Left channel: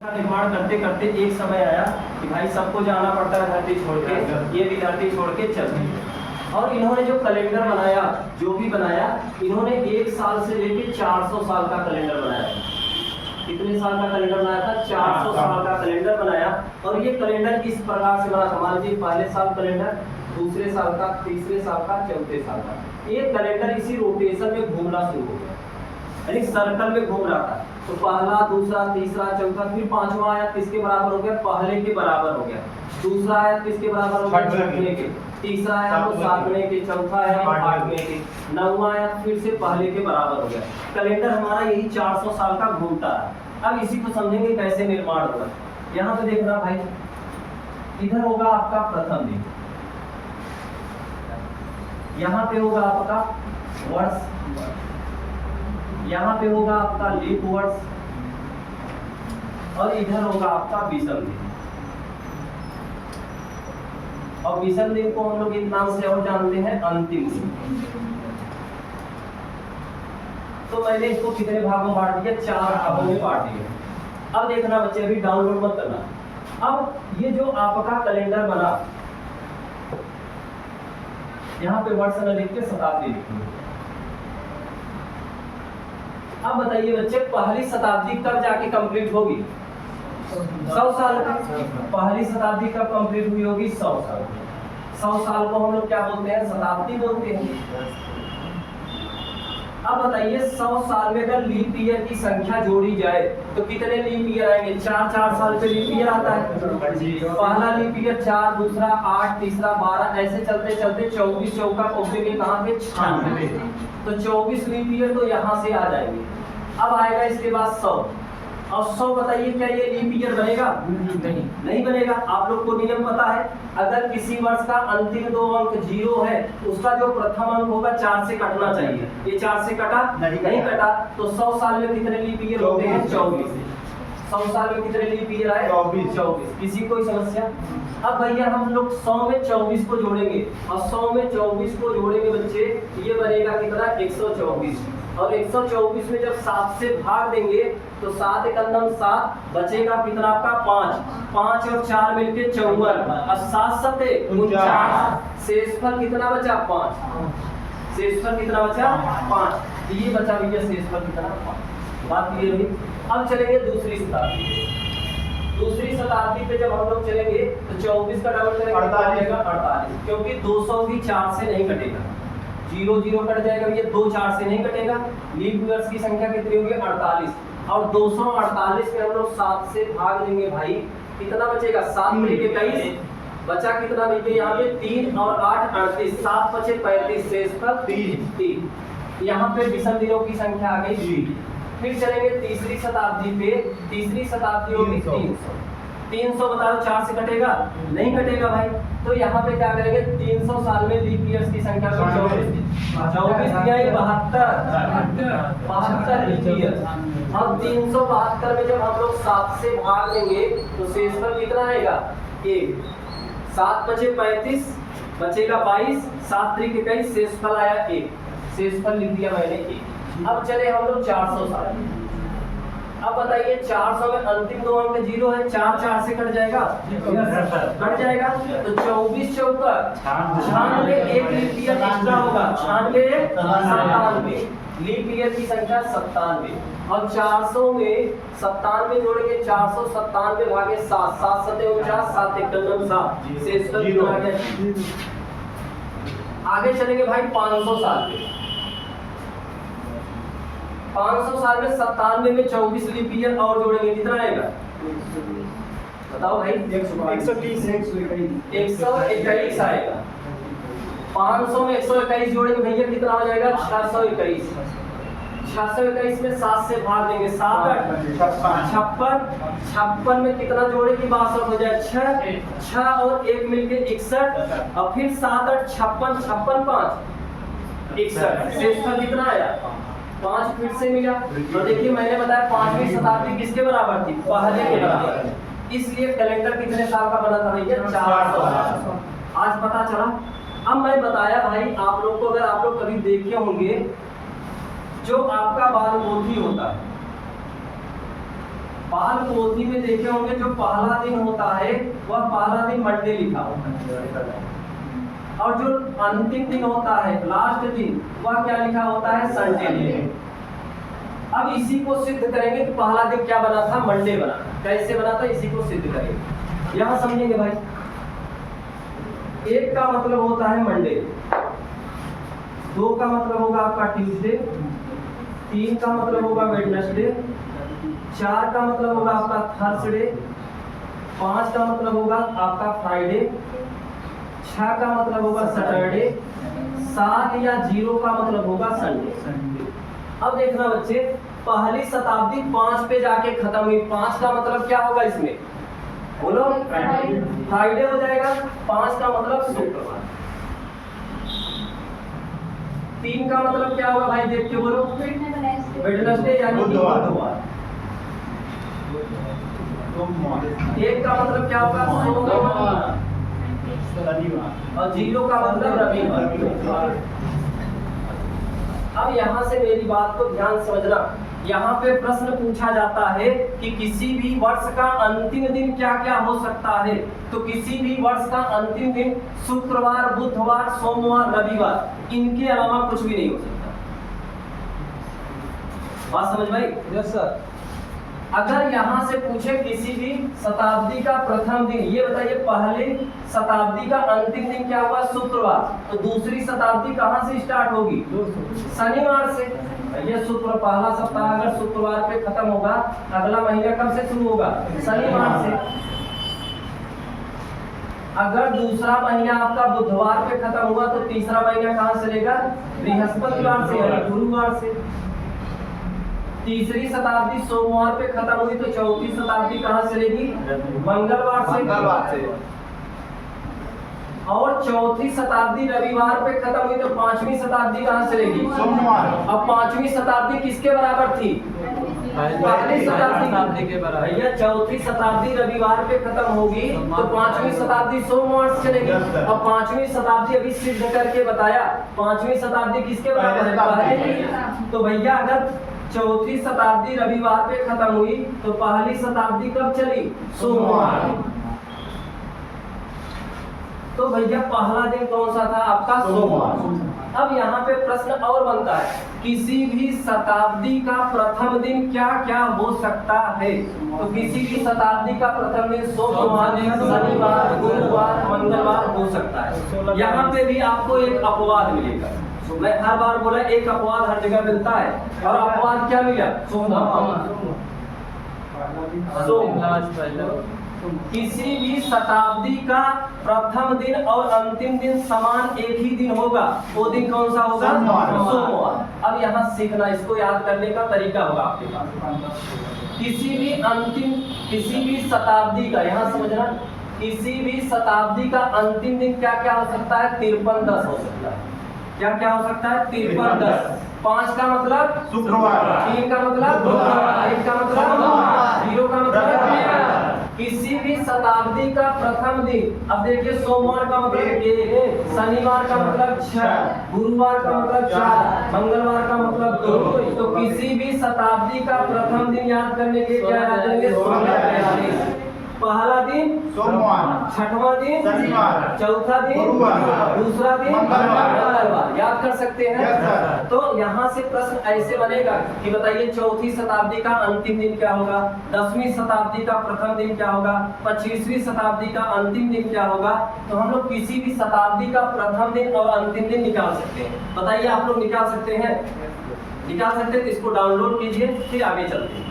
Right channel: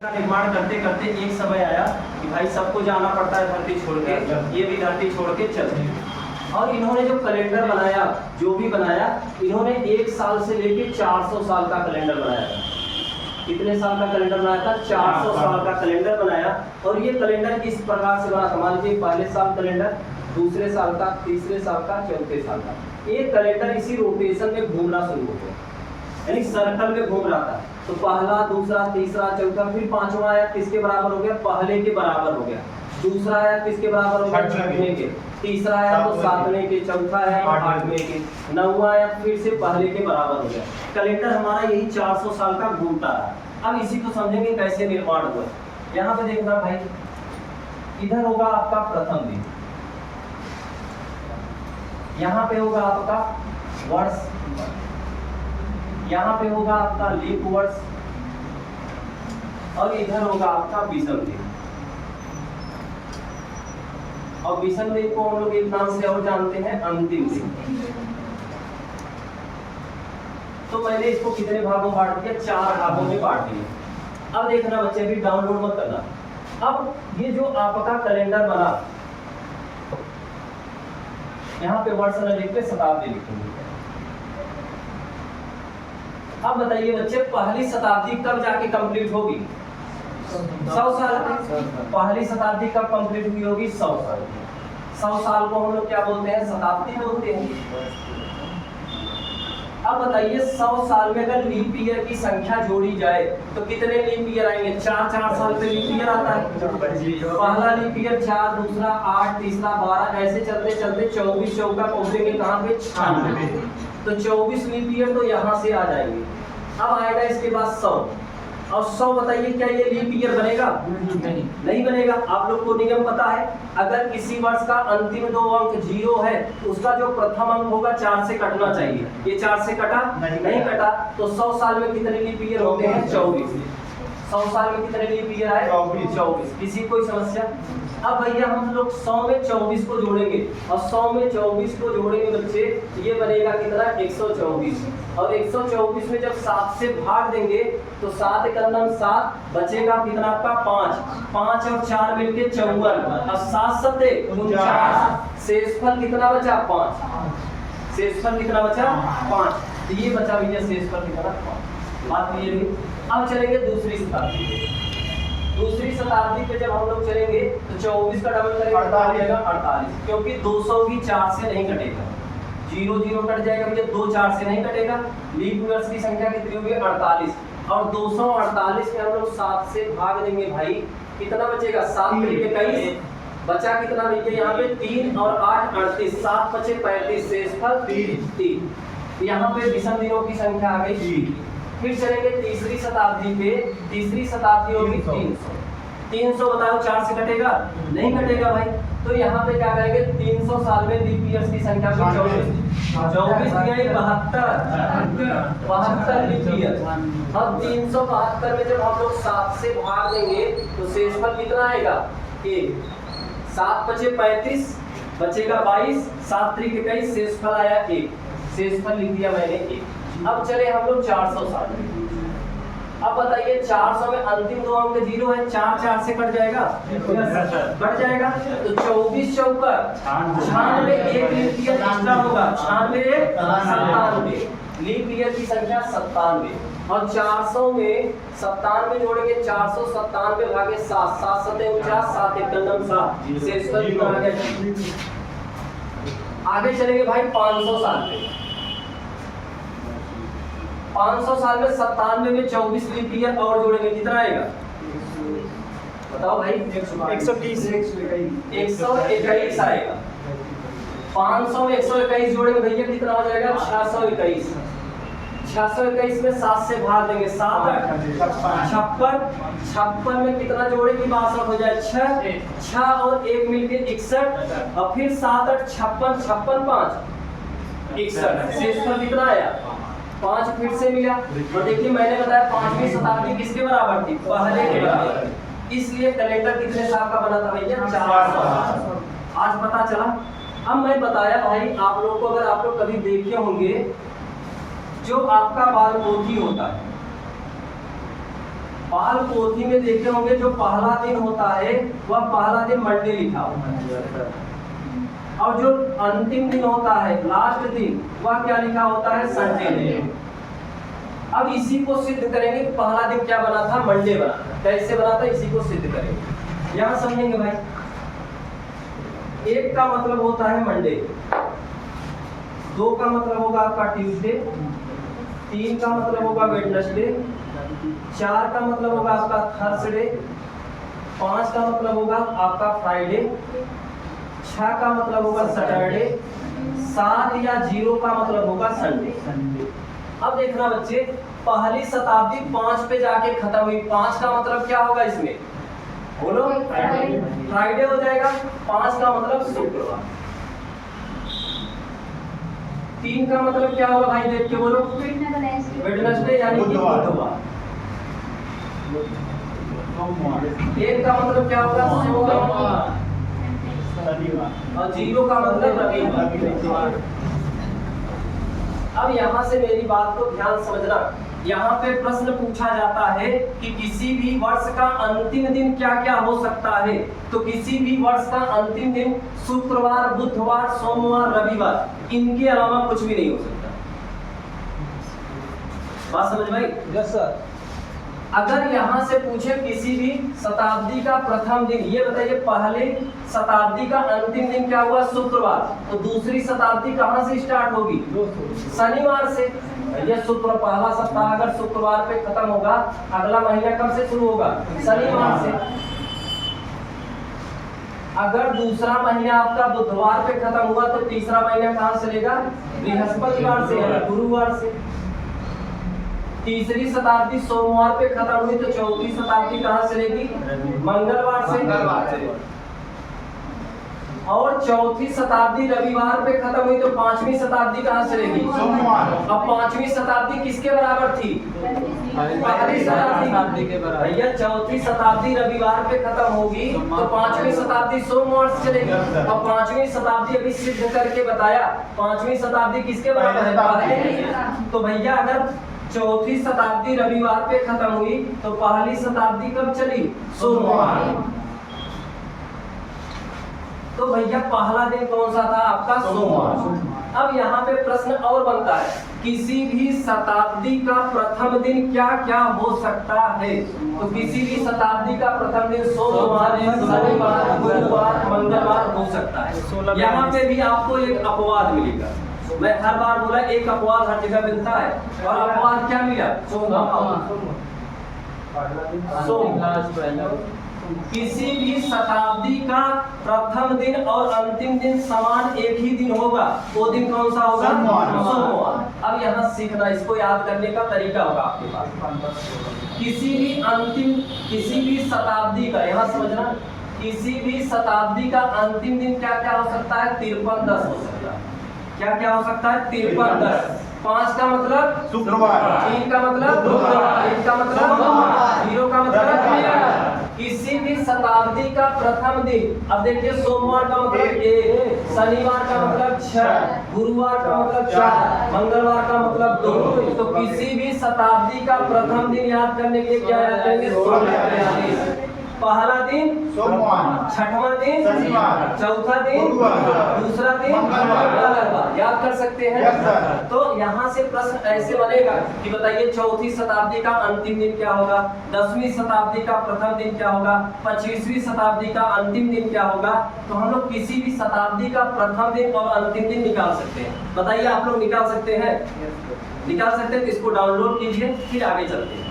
का निर्माण करते करते एक समय आया कि भाई सबको जाना पड़ता है धरती छोड़ के, ये भी धरती छोड़ के चलते हैं। और इन्होंने जो कैलेंडर बनाया, जो भी बनाया, इन्होंने 1 साल से लेके 400 साल का कैलेंडर बनाया। कितने साल का कैलेंडर बनाया था? 400 साल का कैलेंडर बनाया। और ये कैलेंडर इस प्रकार से बना था, मान लीजिए पहले साल कैलेंडर, दूसरे साल का, तीसरे साल का, चौथे साल का। एक कैलेंडर इसी रोटेशन में घूमना शुरू हो गया, यानी सर्कल में घूम रहा था। तो पहला, दूसरा, तीसरा, चौथा, फिर पांचवा आया किसके बराबर हो गया? पहले के बराबर हो गया। दूसरा आया किसके बराबर हो गया? छठवें के। तीसरा आया तो सातवें के। चौथा आया आठवें के। नौवां आया फिर से पहले के बराबर हो गया। कैलेंडर हमारा यही 400 साल का घूमता रहा। अब इसी को समझेंगे कैसे निर्माण हुआ। यहाँ पे देखना भाई, इधर होगा आपका प्रथम दिन, यहाँ पे होगा आपका वर्ष, यहाँ पे होगा आपका लीप वर्ष, और इधर होगा आपका विषम दिन। और विषम दिन को हम लोग एक नाम से और जानते हैं, अंतिम दिन। तो मैंने इसको कितने भागों में बांट दिया? 4 भागों में बांट दिया। अब देखना बच्चे, अभी डाउनलोड मत करना। अब ये जो आपका कैलेंडर बना, यहाँ पे वर्ष न लिख के शताब्दी लिखूंगी। अब बताइए बच्चे, पहली शताब्दी कब जाके कंप्लीट होगी? 100 साल में। पहली शताब्दी कब कंप्लीट हुई होगी? 100 साल। 100 साल को हम लोग क्या बोलते हैं? शताब्दी बोलते हैं। अब बताइए, 100 साल में अगर लीप ईयर की संख्या जोड़ी जाए तो कितने लीप ईयर आएंगे? 4 साल पे लीप ईयर आता है। पहला लीप ईयर 4, दूसरा 8, तीसरा 12, ऐसे चलते चलते 24 चौका पहुंचेंगे कहाँ पे? 96। तो 24 लीप ईयर तो यहाँ से आ जाएंगे। अब आएगा इसके बाद 100। और 100 बताइए, क्या ये लीप ईयर बनेगा? नहीं बनेगा। आप लोग को नियम पता है, अगर किसी वर्ष का अंतिम 2 अंक 0 है, उसका जो प्रथम अंक होगा 4 से कटना चाहिए। ये 4 से कटा? नहीं कटा। तो 100 साल में कितने लीप ईयर होते हैं? 24। 100 साल में कितने लीप ईयर आए? 24। किसी कोई समस्या? अब भैया हम लोग 100 में 24 को जोड़ेंगे, और 100 में 24 को जोड़ेंगे बच्चे, ये बनेगा कितना? 124। और 124 में जब 7 से भाग देंगे तो 7 एकम 7, बचेगा कितना आपका? 5। 5 और 4 मिलके 54। अब 7 सते 49। शेषफल कितना बचा? 5। शेषफल कितना बचा? 5। ये बचा भैया शेषफल कितना? 5। बात क्लियर हुई? अब चलेंगे दूसरी शताब्दी। दूसरी शताब्दी पे जब हम लोग चलेंगे तो 24 का डबल करेंगे 48, क्योंकि 200 भी 4 से नहीं कटेगा। 0 0 कट जाएगा भैया, 2 4 से नहीं कटेगा। लीप ईयर्स की संख्या कितनी होगी? 48। और 248 में हम लोग 7 से भाग देंगे भाई, कितना बचेगा? 7 3 21। बचा कितना भैया यहाँ पे? 3 और 8 38। 7 बचे 35। शेषफल 3। यहाँ पे विषम दिनों की संख्या आ गई 3। फिर चलेंगे तीसरी शताब्दी पे। तीसरी शताब्दी होगी 300। 300 बताओ 4 से कटेगा? नहीं कटेगा भाई। तो यहाँ पे क्या करेंगे? 300 साल में लीप ईयर्स की संख्या पे 24 दिया 72 लीप ईयर। अब 372 में जब हम लोग 7 से भाग देंगे तो शेषफल कितना आएगा? 1। 7 बचे 35, बचेगा 22। 7 3 21। शेषफल आया 1। शेषफल लिख दिया मैंने 1। अब चले हम लोग 400 साल। अब बताइए, 400 में अंतिम 2 अंक 0 है, 4 4 से कट जाएगा? कट जाएगा। तो 24 चौका 96, एक लीप ईयर एक्स्ट्रा होगा। 96 97, लीप ईयर की संख्या 97। और 400 में 97 जोड़ेंगे, 497 भागे 7, 7 सते 49, 7 एकम 7। शेषफल कितना आ गया? आगे चलेंगे भाई 500 साल पे। 500 साल में 97 में 24 लीप ईयर और जोड़ेंगे, कितना आएगा? बताओ भाई। 121 आएगा। 500 में 121 जोड़ेंगे भैया, कितना हो जाएगा? 621। 621 में 7 से भाग देंगे, 7 8 56। 56 में कितना जोड़ेगी? 62 हो जाए। 6 और 1 मिलके 61। और फिर 7 8 56, 56 5 61। शेषफल कितना आया? 5 फिर से मिला। और देखिए मैंने बताया 5वीं शताब्दी किसके बराबर थी? पहले के बराबर। इसलिए कैलेंडर कितने साल का बना था भैया? 400 साल। आज पता चला। अब मैं बताया भाई आप लोग को, अगर आप लोग कभी देखे होंगे, जो आपका बाल मोती होता है, बाल पोथी में देखे होंगे जो पहला दिन होता है वह पहला दिन मंडे लिखा होता है, और जो अंतिम दिन होता है लास्ट दिन वह क्या लिखा होता है, संडे दिन। अब इसी को सिद्ध करेंगे कि पहला दिन क्या बना था, मंडे बना था। कैसे बना था इसी को सिद्ध करेंगे। यहां समझेंगे भाई, एक का मतलब होता है मंडे, दो का मतलब होगा आपका ट्यूसडे, तीन का मतलब होगा वेडनेसडे, चार का मतलब होगा आपका थर्सडे, पांच का मतलब होगा आपका फ्राइडे, छह का मतलब होगा सैटरडे, सात या जीरो का मतलब होगा संडे। अब देखना बच्चे, पहली शताब्दी 5 पे जाके खत्म हुई। 5 का मतलब क्या होगा इसमें, बोलो, फ्राइडे हो जाएगा। 5 का मतलब शुक्रवार। 3 का मतलब क्या होगा भाई, देख के बोलो, वेडनेसडे यानी बुधवार। 1 का मतलब क्या होगा, सोमवार, और 0 का मतलब रविवार। अब यहाँ से मेरी बात को ध्यान समझना, यहाँ पे प्रश्न पूछा जाता है कि किसी भी वर्ष का अंतिम दिन क्या क्या हो सकता है। तो किसी भी वर्ष का अंतिम दिन शुक्रवार, बुधवार, सोमवार, रविवार, इनके अलावा कुछ भी नहीं हो सकता। बात समझ भाई? Yes sir. अगर यहाँ से पूछे किसी भी शताब्दी का प्रथम दिन, ये बताइए पहले शताब्दी का अंतिम दिन क्या हुआ, शुक्रवार, तो दूसरी शताब्दी कहाँ से स्टार्ट होगी, शनिवार से। ये शुक्र पहला सप्ताह अगर शुक्रवार पे खत्म होगा, अगला महीना कब से शुरू होगा, शनिवार से। अगर दूसरा महीना आपका बुधवार पे खत्म हुआ तो तीसरा महीना कहाँ से चलेगा, बृहस्पतिवार से या गुरुवार से। तीसरी शताब्दी सोमवार पे खत्म हुई तो चौथी शताब्दी कहाँ से चलेगी, मंगलवार से। और चौथी शताब्दी रविवार पे खत्म हुई तो पांचवी शताब्दी कहाँ से चलेगी, सोमवार। अब पांचवी शताब्दी किसके बराबर थी, पहली शताब्दी के बराबर। भैया चौथी शताब्दी रविवार पे खत्म होगी तो पांचवी शताब्दी सोमवार से चलेगी। और पांचवी शताब्दी अभी सिद्ध करके बताया, पांचवी शताब्दी किसके बराबर है, तो भैया अगर चौथी शताब्दी रविवार पे खत्म हुई तो पहली शताब्दी कब चली, सोमवार। तो भैया पहला दिन कौन सा था आपका, सोमवार। अब यहाँ पे प्रश्न और बनता है, किसी भी शताब्दी का प्रथम दिन क्या क्या हो सकता है। तो किसी भी शताब्दी का प्रथम दिन सोमवार, शनिवार, गुरुवार, मंगलवार हो सकता है। यहाँ पे भी आपको एक अपवाद मिलेगा। मैं हर बार बोला एक अपवाद हर जगह मिलता है, और अपवाद क्या मिला, सोमवार। किसी भी शताब्दी का प्रथम दिन और अंतिम दिन समान एक ही दिन होगा, वो दिन कौन सा होगा, सोमवार। अब यहाँ सीखना, इसको याद करने का तरीका होगा आपके पास। किसी भी शताब्दी का, यहाँ समझना, किसी भी शताब्दी का अंतिम दिन क्या क्या हो सकता है, 53-10 हो सकता है। क्या क्या हो सकता है, 53-10। 5 का मतलब शुक्रवार, 3 का मतलब बुधवार, 1 का मतलब 0 का मतलब। किसी भी शताब्दी का प्रथम दिन, अब देखिए सोमवार का मतलब 1, शनिवार का मतलब 6, गुरुवार का मतलब 4, मंगलवार का मतलब 2। तो किसी भी शताब्दी का प्रथम दिन याद करने के लिए क्या याद करेंगे, 1643। पहला दिन सोमवार, छठवां दिन शनिवार, चौथा दिन दूसरा दिन मंगलवार। याद कर सकते हैं। तो यहाँ से प्रश्न ऐसे बनेगा कि बताइए चौथी शताब्दी का अंतिम दिन क्या होगा, 10वीं शताब्दी का प्रथम दिन क्या होगा, 25वीं शताब्दी का अंतिम दिन क्या होगा। तो हम लोग किसी भी शताब्दी का प्रथम दिन और अंतिम दिन निकाल सकते हैं। बताइए आप लोग निकाल सकते हैं, निकाल सकते हैं। तो इसको डाउनलोड कीजिए, फिर आगे चलते हैं।